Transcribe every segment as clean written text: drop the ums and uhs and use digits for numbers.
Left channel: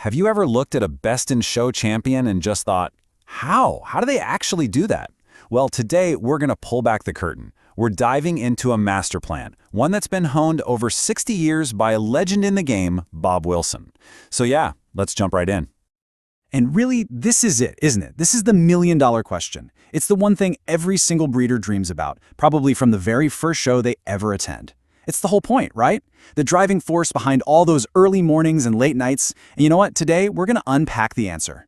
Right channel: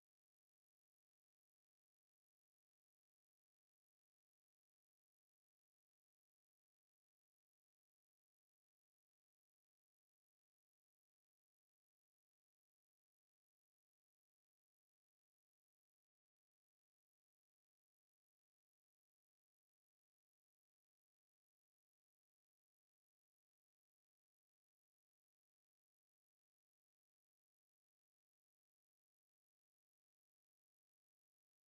Have you ever looked at a best in show champion and just thought, how? How do they actually do that? Well, today we're going to pull back the curtain. We're diving into a master plan, one that's been honed over 60 years by a legend in the game, Bob Wilson. So yeah, let's jump right in. And really, this is it, isn't it? This is the million-dollar question. It's the one thing every single breeder dreams about, probably from the very first show they ever attend. It's the whole point, right? The driving force behind all those early mornings and late nights. And you know what? Today, we're going to unpack the answer.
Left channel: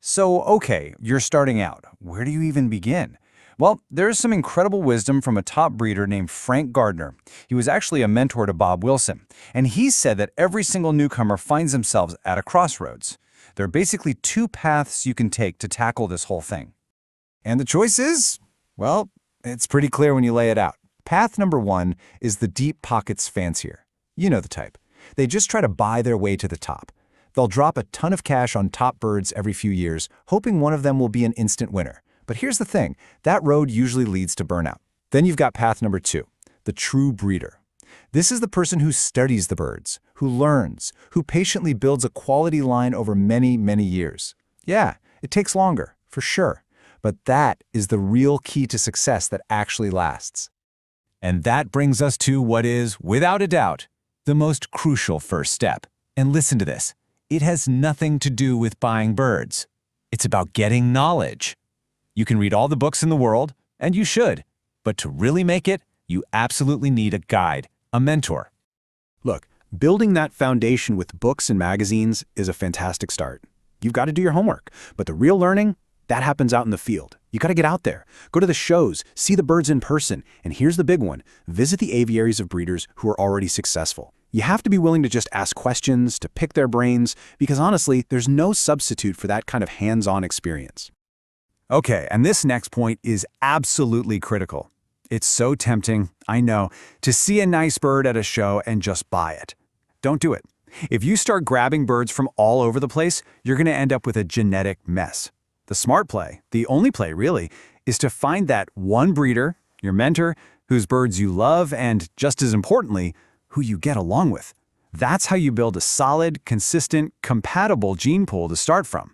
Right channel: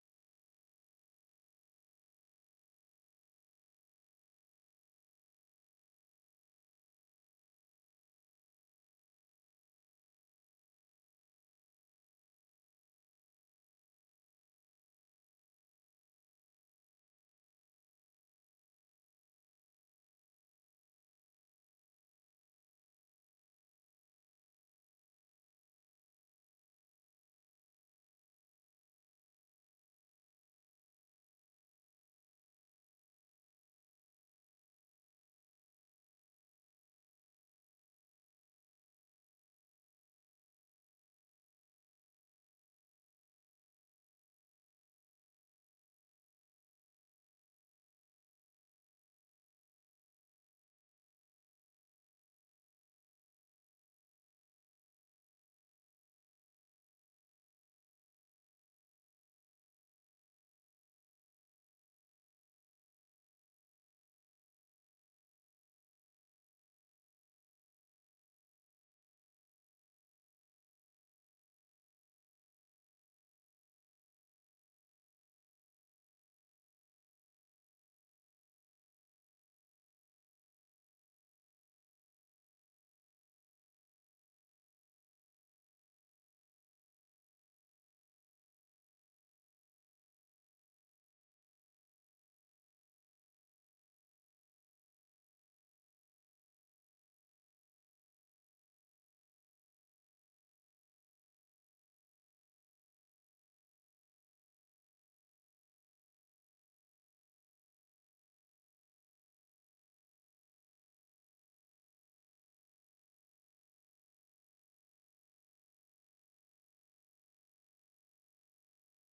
So, okay, you're starting out. Where do you even begin? Well, there's some incredible wisdom from a top breeder named Frank Gardner. He was actually a mentor to Bob Wilson, and he said that every single newcomer finds themselves at a crossroads. There are basically two paths you can take to tackle this whole thing. And the choice is, well, it's pretty clear when you lay it out. Path number one is the deep pockets fancier. You know the type. They just try to buy their way to the top. They'll drop a ton of cash on top birds every few years, hoping one of them will be an instant winner. But here's the thing, that road usually leads to burnout. Then you've got path number two, the true breeder. This is the person who studies the birds, who learns, who patiently builds a quality line over many, many years. Yeah, it takes longer, for sure. But that is the real key to success that actually lasts. And that brings us to what is, without a doubt, the most crucial first step. And listen to this. It has nothing to do with buying birds. It's about getting knowledge. You can read all the books in the world, and you should. But to really make it, you absolutely need a guide, a mentor. Look, building that foundation with books and magazines is a fantastic start. You've got to do your homework, but the real learning, that happens out in the field. You got to get out there, go to the shows, see the birds in person, and here's the big one, visit the aviaries of breeders who are already successful. You have to be willing to just ask questions, to pick their brains, because honestly, there's no substitute for that kind of hands-on experience. Okay, and this next point is absolutely critical. It's so tempting, I know, to see a nice bird at a show and just buy it. Don't do it. If you start grabbing birds from all over the place, you're going to end up with a genetic mess. The smart play, the only play really, is to find that one breeder, your mentor, whose birds you love and, just as importantly, who you get along with. That's how you build a solid, consistent, compatible gene pool to start from.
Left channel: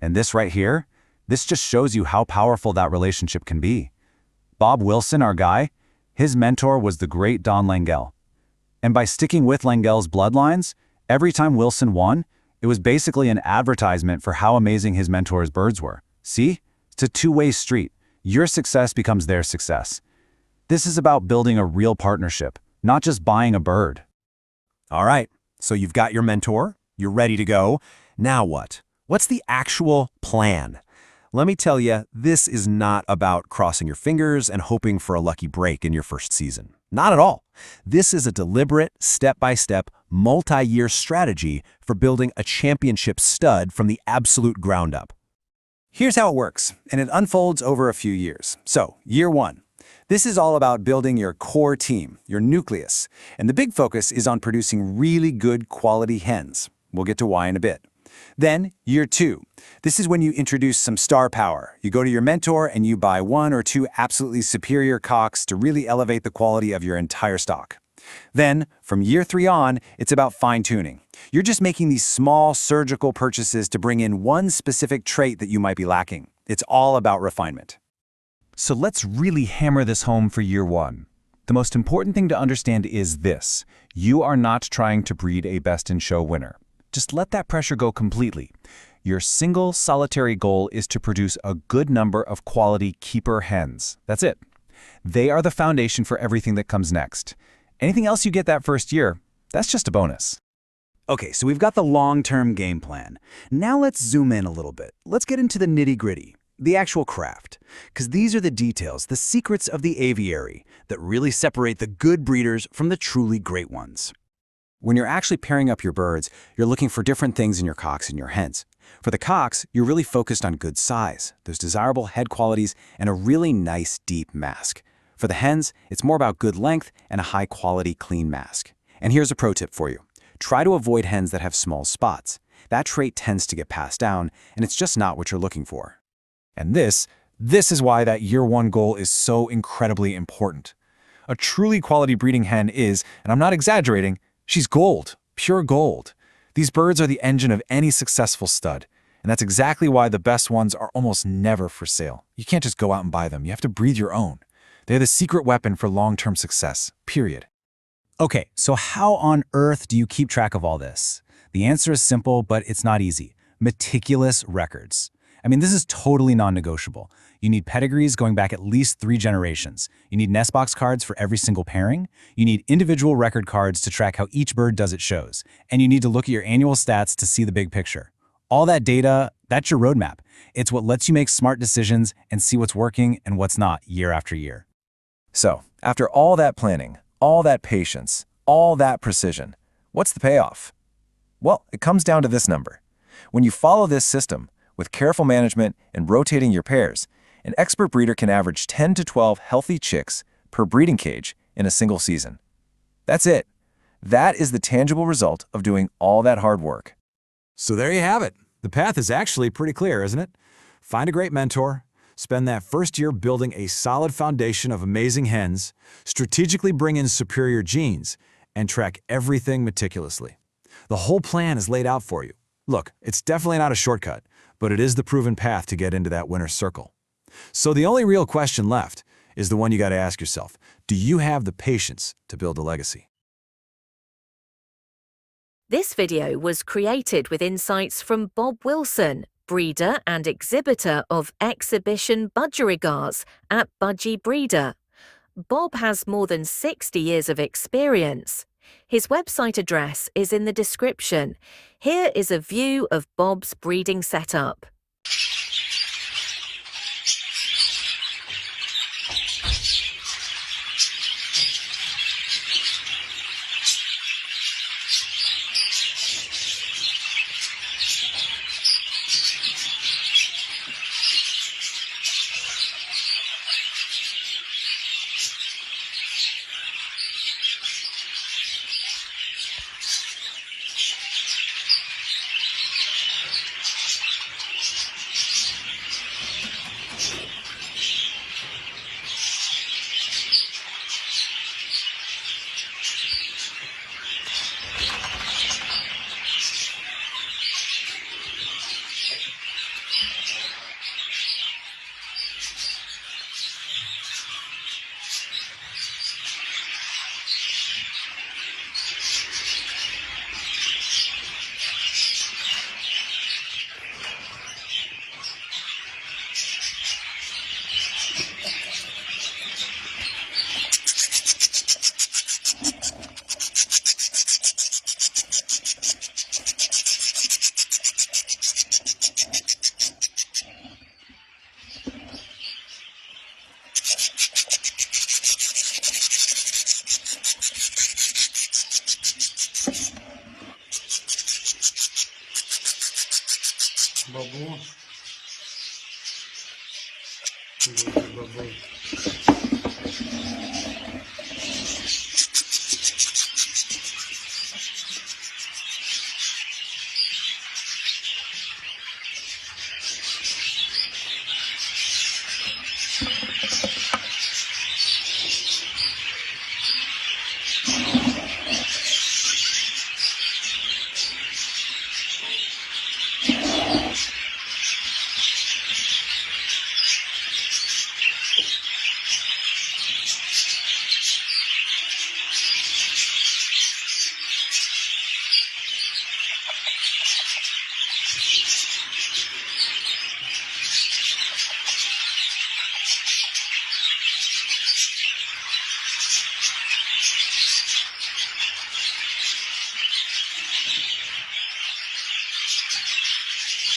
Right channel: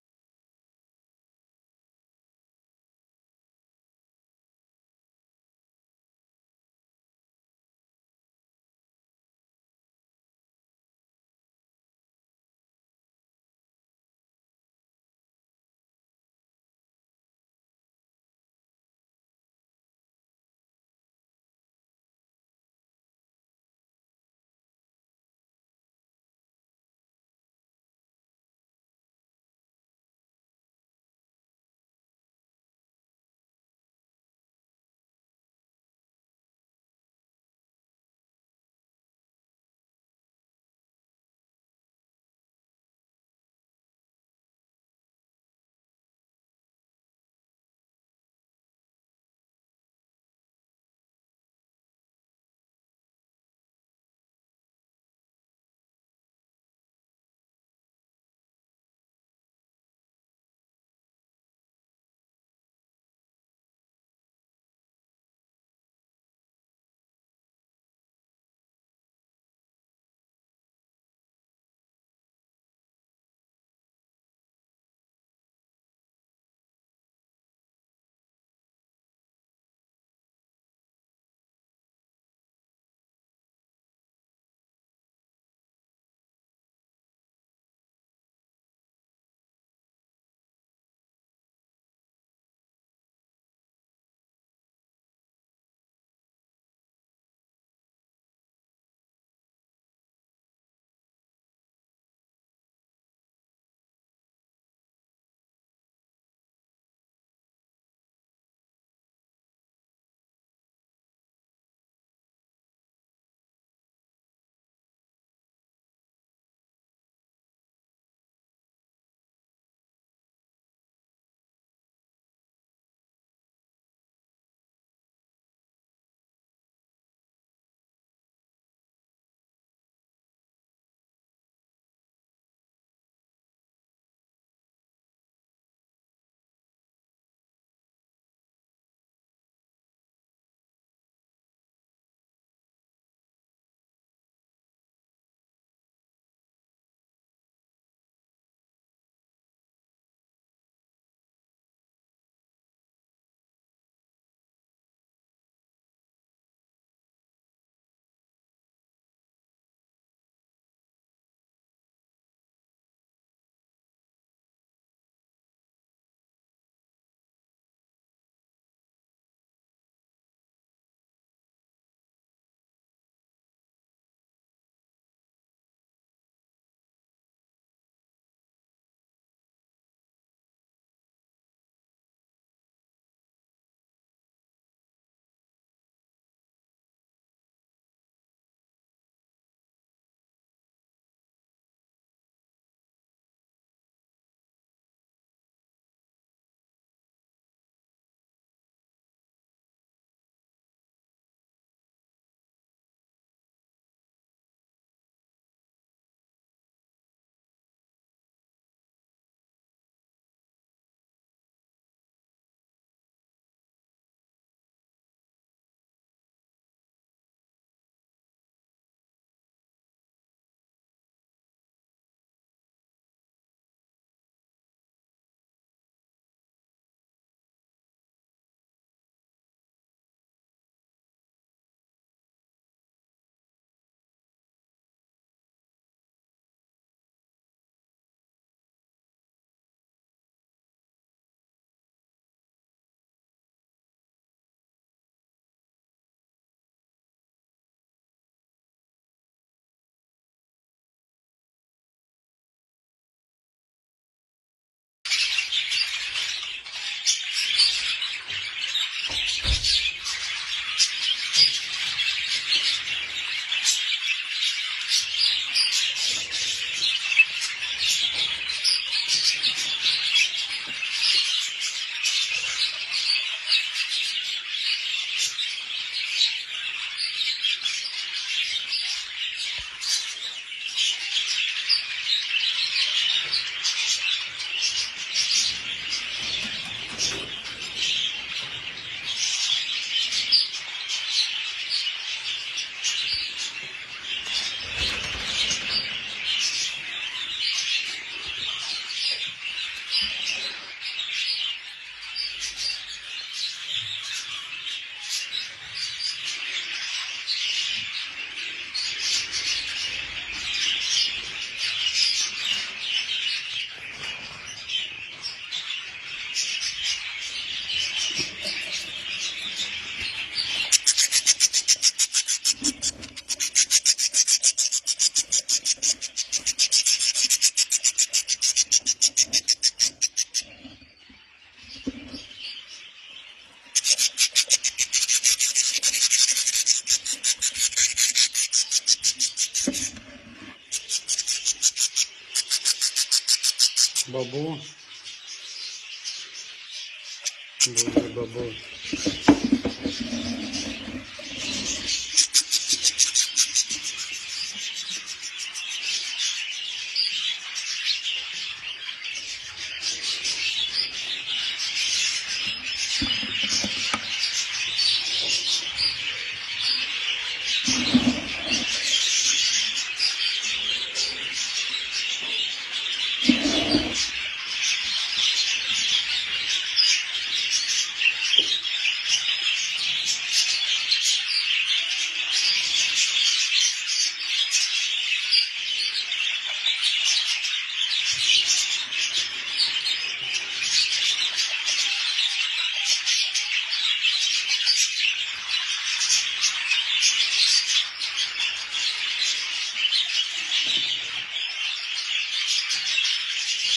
And this right here, this just shows you how powerful that relationship can be. Bob Wilson, our guy, his mentor was the great Don Langell. And by sticking with Langell's bloodlines, every time Wilson won, it was basically an advertisement for how amazing his mentor's birds were. See? It's a two-way street. Your success becomes their success. This is about building a real partnership, not just buying a bird. All right, so you've got your mentor, you're ready to go. Now what? What's the actual plan? Let me tell you, this is not about crossing your fingers and hoping for a lucky break in your first season. Not at all. This is a deliberate, step-by-step, multi-year strategy for building a championship stud from the absolute ground up. Here's how it works, and it unfolds over a few years. So, year one. This is all about building your core team, your nucleus, and the big focus is on producing really good quality hens. We'll get to why in a bit. Then, year two. This is when you introduce some star power. You go to your mentor and you buy one or two absolutely superior cocks to really elevate the quality of your entire stock. Then, from year three on, it's about fine-tuning. You're just making these small surgical purchases to bring in one specific trait that you might be lacking. It's all about refinement. So let's really hammer this home for year one. The most important thing to understand is this. You are not trying to breed a best-in-show winner. Just let that pressure go completely. Your single solitary goal is to produce a good number of quality keeper hens. That's it. They are the foundation for everything that comes next. Anything else you get that first year, that's just a bonus. Okay, so we've got the long-term game plan. Now let's zoom in a little bit. Let's get into the nitty-gritty, the actual craft. Because these are the details, the secrets of the aviary that really separate the good breeders from the truly great ones. When you're actually pairing up your birds, you're looking for different things in your cocks and your hens. For the cocks, you're really focused on good size, those desirable head qualities, and a really nice deep mask. For the hens, it's more about good length and a high-quality clean mask. And here's a pro tip for you. Try to avoid hens that have small spots. That trait tends to get passed down, and it's just not what you're looking for. And this is why that year one goal is so incredibly important. A truly quality breeding hen is, and I'm not exaggerating, she's gold, pure gold. These birds are the engine of any successful stud, and that's exactly why the best ones are almost never for sale. You can't just go out and buy them. You have to breed your own. They're the secret weapon for long-term success, period. Okay, so how on earth do you keep track of all this? The answer is simple, but it's not easy. Meticulous records. I mean, this is totally non-negotiable. You need pedigrees going back at least 3 generations. You need nest box cards for every single pairing. You need individual record cards to track how each bird does its shows. And you need to look at your annual stats to see the big picture. All that data, that's your roadmap. It's what lets you make smart decisions and see what's working and what's not year after year. So, after all that planning, all that patience, all that precision, what's the payoff? Well, it comes down to this number. When you follow this system, with careful management and rotating your pairs, an expert breeder can average 10 to 12 healthy chicks per breeding cage in a single season. That's it. That is the tangible result of doing all that hard work. So there you have it. The path is actually pretty clear, isn't it? Find a great mentor, spend that first year building a solid foundation of amazing hens, strategically bring in superior genes, and track everything meticulously. The whole plan is laid out for you. Look, it's definitely not a shortcut, but it is the proven path to get into that winner's circle. So the only real question left is the one you got to ask yourself. Do you have the patience to build a legacy? This video was created with insights from Bob Wilson, breeder and exhibitor of exhibition budgerigars at Budgie Breeder. Bob has more than 60 years of experience. His website address is in the description. Here is a view of Bob's breeding setup. Baboon. Baboon.